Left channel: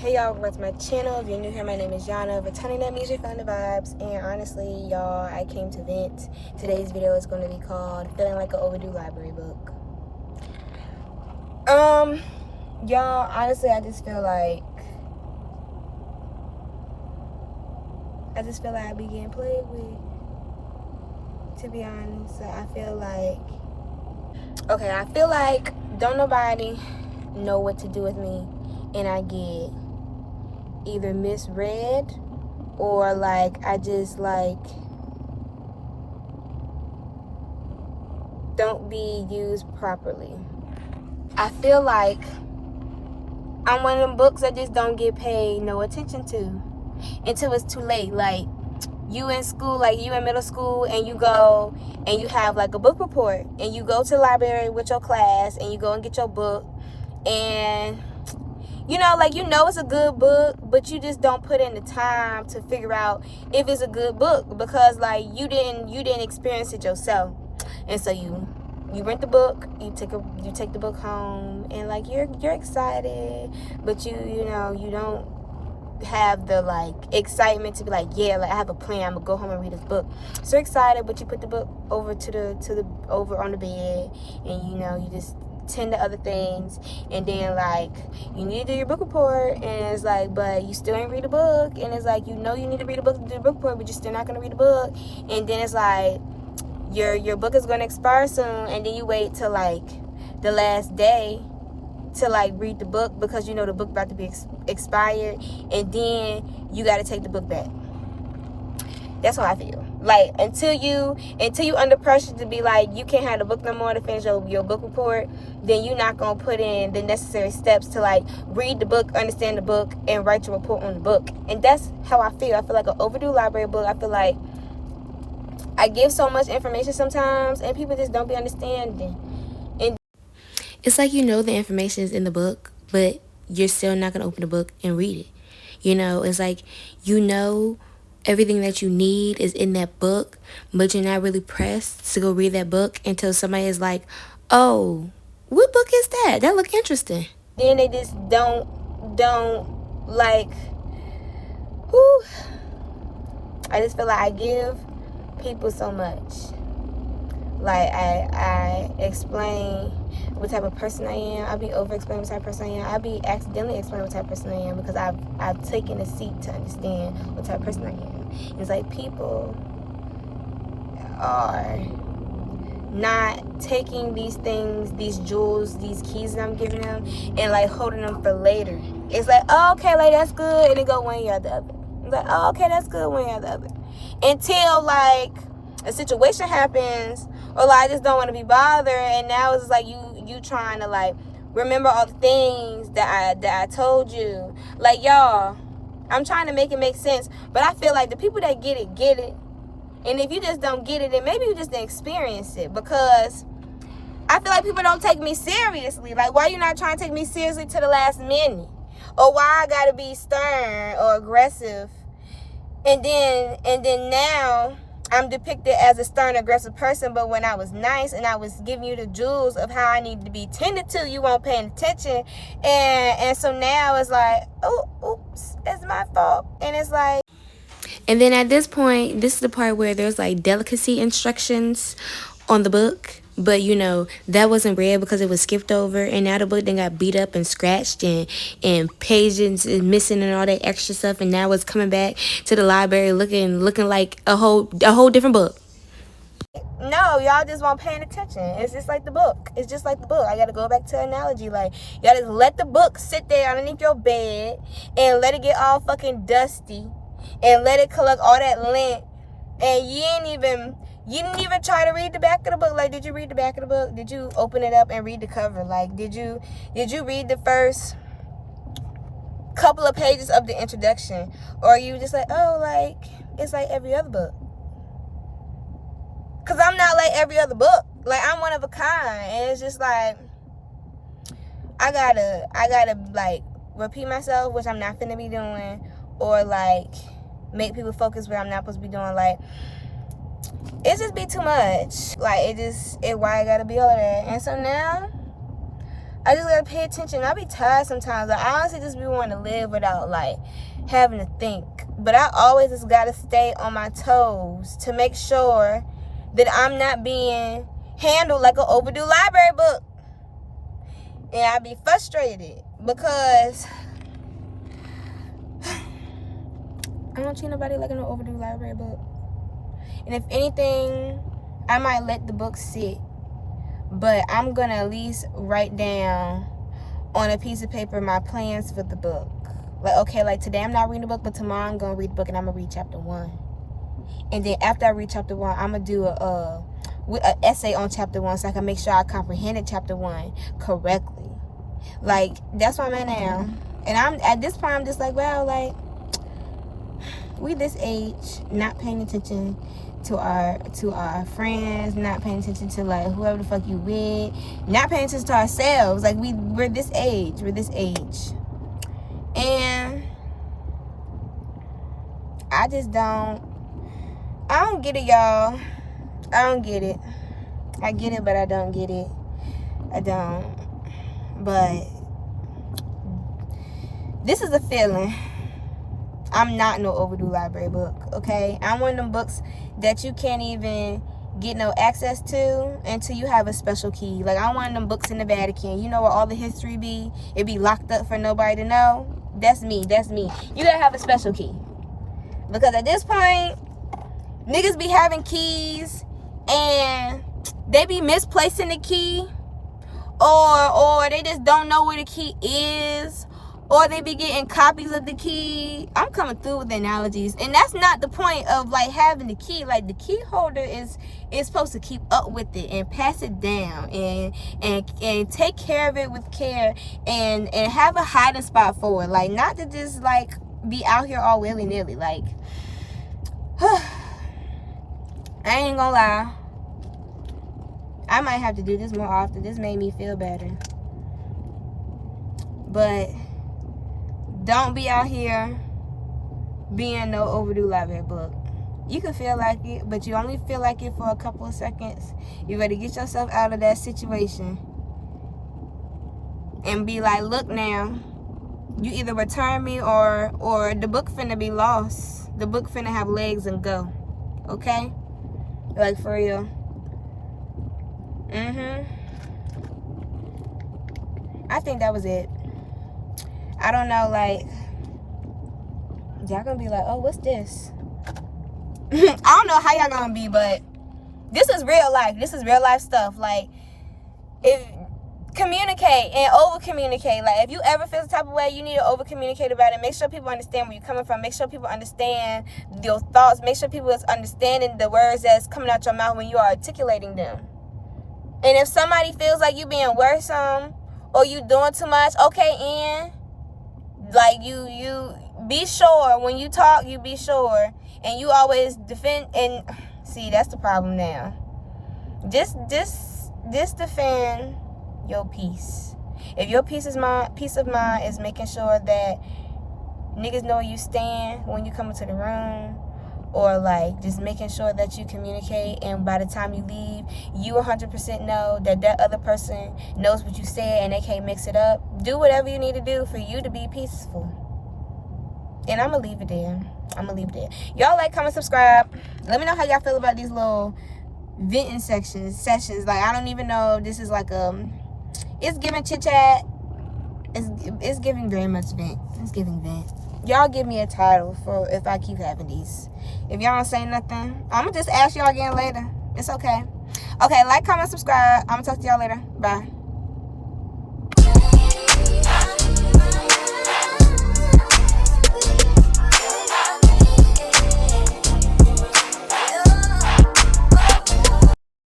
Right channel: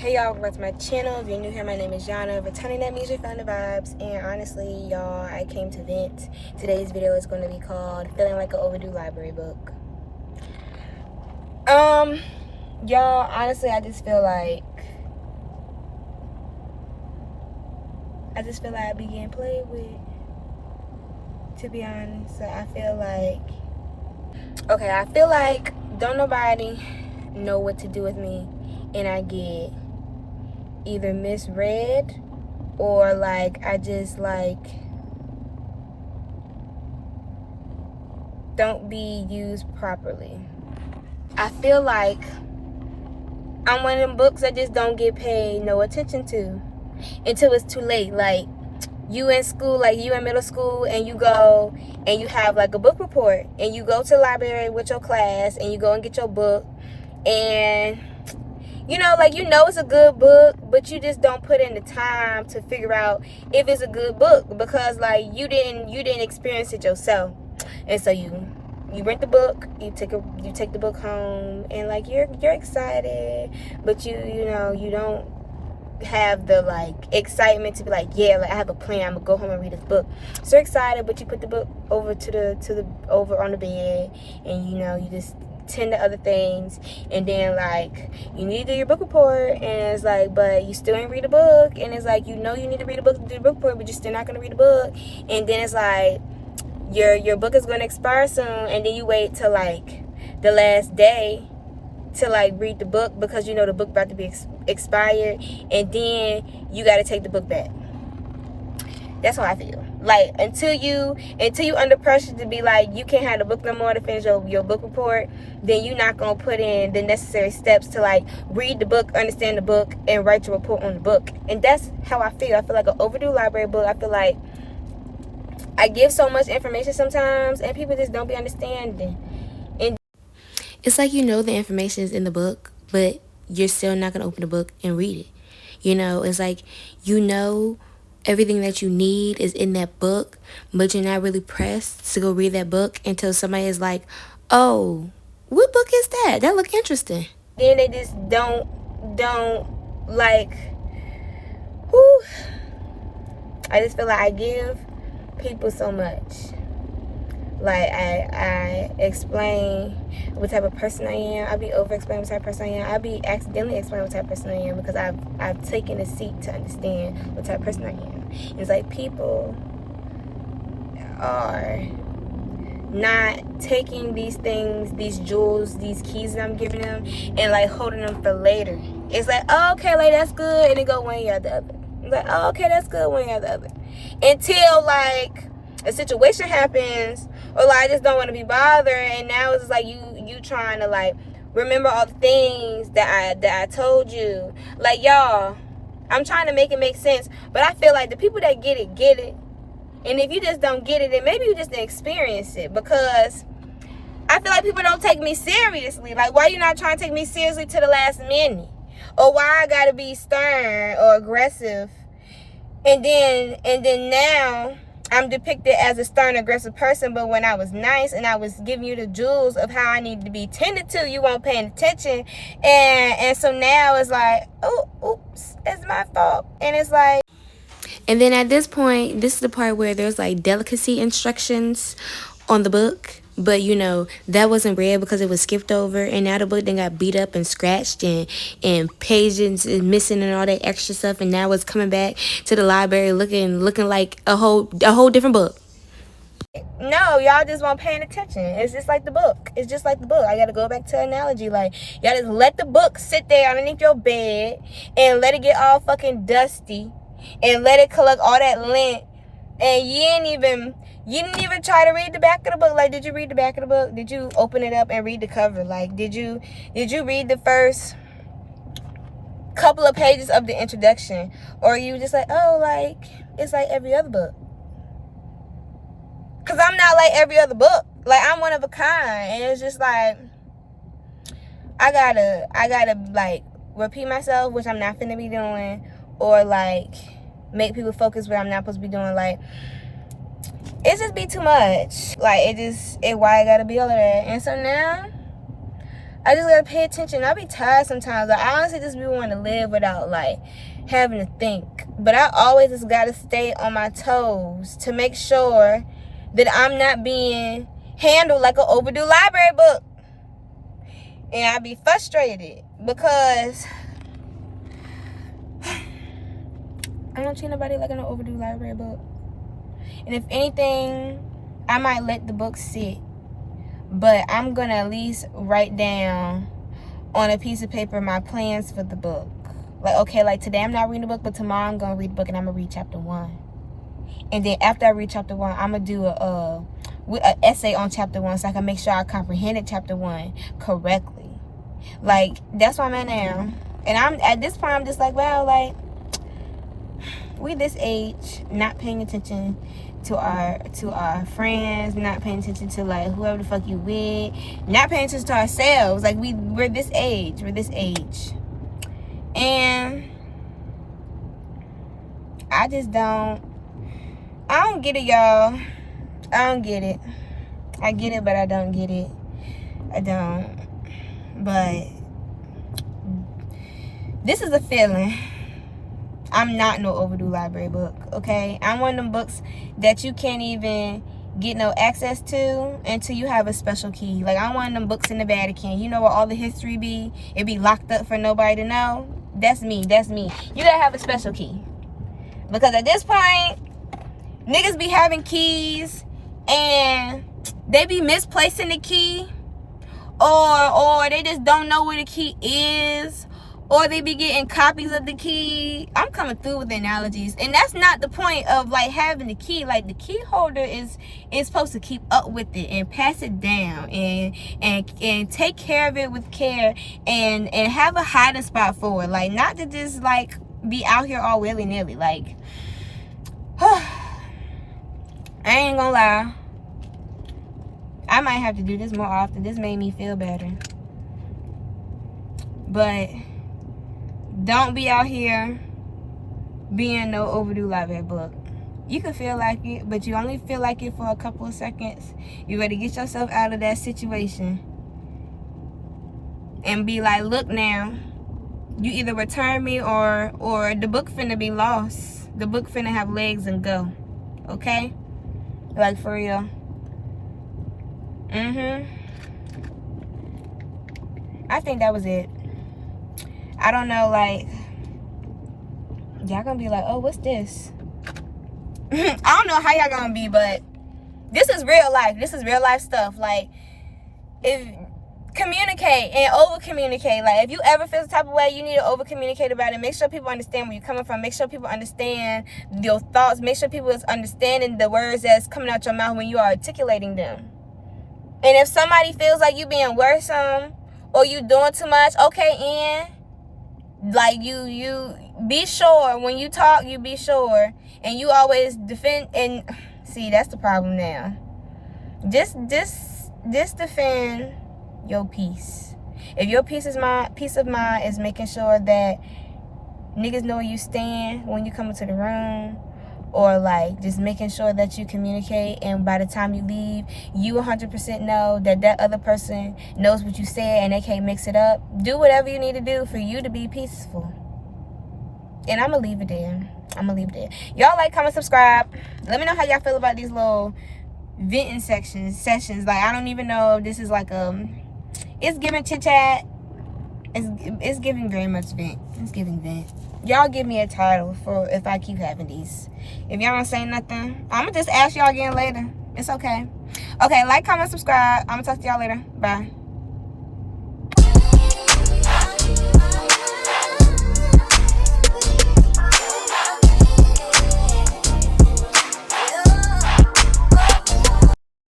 Hey y'all, welcome to my channel. If you're new here, my name is Yana. Returning that music, found the vibes. And honestly, y'all, I came to vent. Today's video is going to be called Feeling Like an Overdue Library Book. Y'all, honestly, I just feel like I be getting played with, to be honest. So I feel like don't nobody know what to do with me, and I get either misread or like I just like don't be used properly. I feel like I'm one of them books that just don't get paid no attention to until it's too late. Like you in school, like you in middle school, and you go and you have like a book report, and you go to the library with your class and you go and get your book, and it's a good book, but you just don't put in the time to figure out if it's a good book because like you didn't experience it yourself. And so you rent the book, you take the book home, and like you're excited, but you don't have the like excitement to be like, yeah, like I have a plan, I'm gonna go home and read this book. So excited, but you put the book over over on the bed, and you just tend to other things, and then like you need to do your book report, and it's like, but you still ain't read the book, and it's like you need to read the book to do the book report, but you're still not gonna read the book, and then it's like your book is gonna expire soon, and then you wait till like the last day to like read the book because the book about to be expired, and then you got to take the book back. That's how I feel. Like until you under pressure to be like you can't have the book no more to finish your book report, then you're not gonna put in the necessary steps to like read the book, understand the book, and write your report on the book. And that's how I feel. I feel like an overdue library book. I feel like I give so much information sometimes, and people just don't be understanding. And it's like the information is in the book, but you're still not going to open the book and read it. It's like everything that you need is in that book, but you're not really pressed to go read that book until somebody is like, oh, what book is that? That look interesting. Then they just don't like, whew. I just feel like I give people so much. Like I explain what type of person I am. I be over explaining what type of person I am. I be accidentally explaining what type of person I am because I've taken a seat to understand what type of person I am. It's like people are not taking these things, these jewels, these keys that I'm giving them, and like holding them for later. It's like, oh, okay, like that's good, and it go one ear or the other. It's like, oh, okay, that's good, one ear or the other. Until like a situation happens, or like I just don't want to be bothered, and now it's like you trying to like remember all the things that I told you. Like, y'all, I'm trying to make it make sense, but I feel like the people that get it, and if you just don't get it, then maybe you just didn't experience it, because I feel like people don't take me seriously. Like, why you not trying to take me seriously to the last minute, or why I gotta be stern or aggressive, and then now I'm depicted as a stern, aggressive person, but when I was nice and I was giving you the jewels of how I needed to be tended to, you weren't paying attention. And so now it's like, oh, oops, it's my fault. And it's like... And then at this point, this is the part where there's like delicacy instructions on the book. But that wasn't read because it was skipped over, and now the book then got beat up and scratched, and pages is missing and all that extra stuff, and now it's coming back to the library looking like a whole different book. No, y'all just weren't paying attention. It's just like the book. It's just like the book. I gotta go back to an analogy. Like, y'all just let the book sit there underneath your bed and let it get all fucking dusty, and let it collect all that lint, and you didn't even try to read the back of the book. Like, did you read the back of the book? Did you open it up and read the cover? Like, did you read the first couple of pages of the introduction? Or are you just like, oh, like, it's like every other book? Because I'm not like every other book. Like, I'm one of a kind. And it's just like, I gotta like repeat myself, which I'm not finna be doing, or like make people focus where I'm not supposed to be doing. Like, it just be too much. Like, why I gotta be all of that. And so now I just gotta pay attention. I be tired sometimes. Like, I honestly just be wanting to live without, like, having to think. But I always just gotta stay on my toes to make sure that I'm not being handled like an overdue library book. And I be frustrated because I don't treat nobody like an overdue library book. And if anything, I might let the book sit. But I'm going to at least write down on a piece of paper my plans for the book. Like, okay, like today I'm not reading the book, but tomorrow I'm going to read the book and I'm going to read chapter 1. And then after I read chapter 1, I'm going to do an essay on chapter 1 so I can make sure I comprehended chapter 1 correctly. Like, that's where I'm at now. And I'm at this point, I'm just like, well, like, we this age, not paying attention to our friends, not paying attention to, like, whoever the fuck you with, not paying attention to ourselves. Like, we're this age. And I don't get it, y'all. I don't get it. I get it, but I don't get it. I don't. But this is a feeling. I'm not no overdue library book, okay? I'm one of them books that you can't even get no access to until you have a special key. Like, I'm one of them books in the Vatican. You know where all the history be? It be locked up for nobody to know. That's me. You gotta have a special key. Because at this point, niggas be having keys and they be misplacing the key. Or they just don't know where the key is. Or they be getting copies of the key. I'm coming through with the analogies. And that's not the point of, like, having the key. Like, the key holder is supposed to keep up with it and pass it down and take care of it with care and have a hiding spot for it. Like, not to just, like, be out here all willy-nilly. Like, I ain't gonna lie. I might have to do this more often. This made me feel better. But don't be out here being no overdue library book. You can feel like it, but you only feel like it for a couple of seconds. You better get yourself out of that situation and be like, look now, you either return me or the book finna be lost. The book finna have legs and go. Okay? Like, for real. I think that was it. I don't know, like, y'all gonna be like, oh, what's this? I don't know how y'all gonna be, but this is real life. This is real life stuff. Like, if communicate and over communicate. Like, if you ever feel the type of way, you need to over communicate about it. Make sure people understand where you're coming from. Make sure people understand your thoughts. Make sure people is understanding the words that's coming out your mouth when you are articulating them. And if somebody feels like you being worrisome or you doing too much, okay, Ian, like, you be sure when you talk, you be sure, and you always defend. And see, that's the problem now. Just defend your peace. If your peace of mind is making sure that niggas know where you stand when you come into the room, or like just making sure that you communicate, and by the time you leave, you 100% know that other person knows what you said and they can't mix it up. Do whatever you need to do for you to be peaceful. And I'm gonna leave it there. Y'all like, comment, subscribe. Let me know how y'all feel about these little venting sessions. Like, I don't even know if this is like it's giving chit chat. It's giving very much vent. It's giving vent. Y'all give me a title for if I keep having these. If y'all don't say nothing, I'm gonna just ask y'all again later. It's okay. Okay, like, comment, subscribe. I'm gonna talk to y'all later. Bye.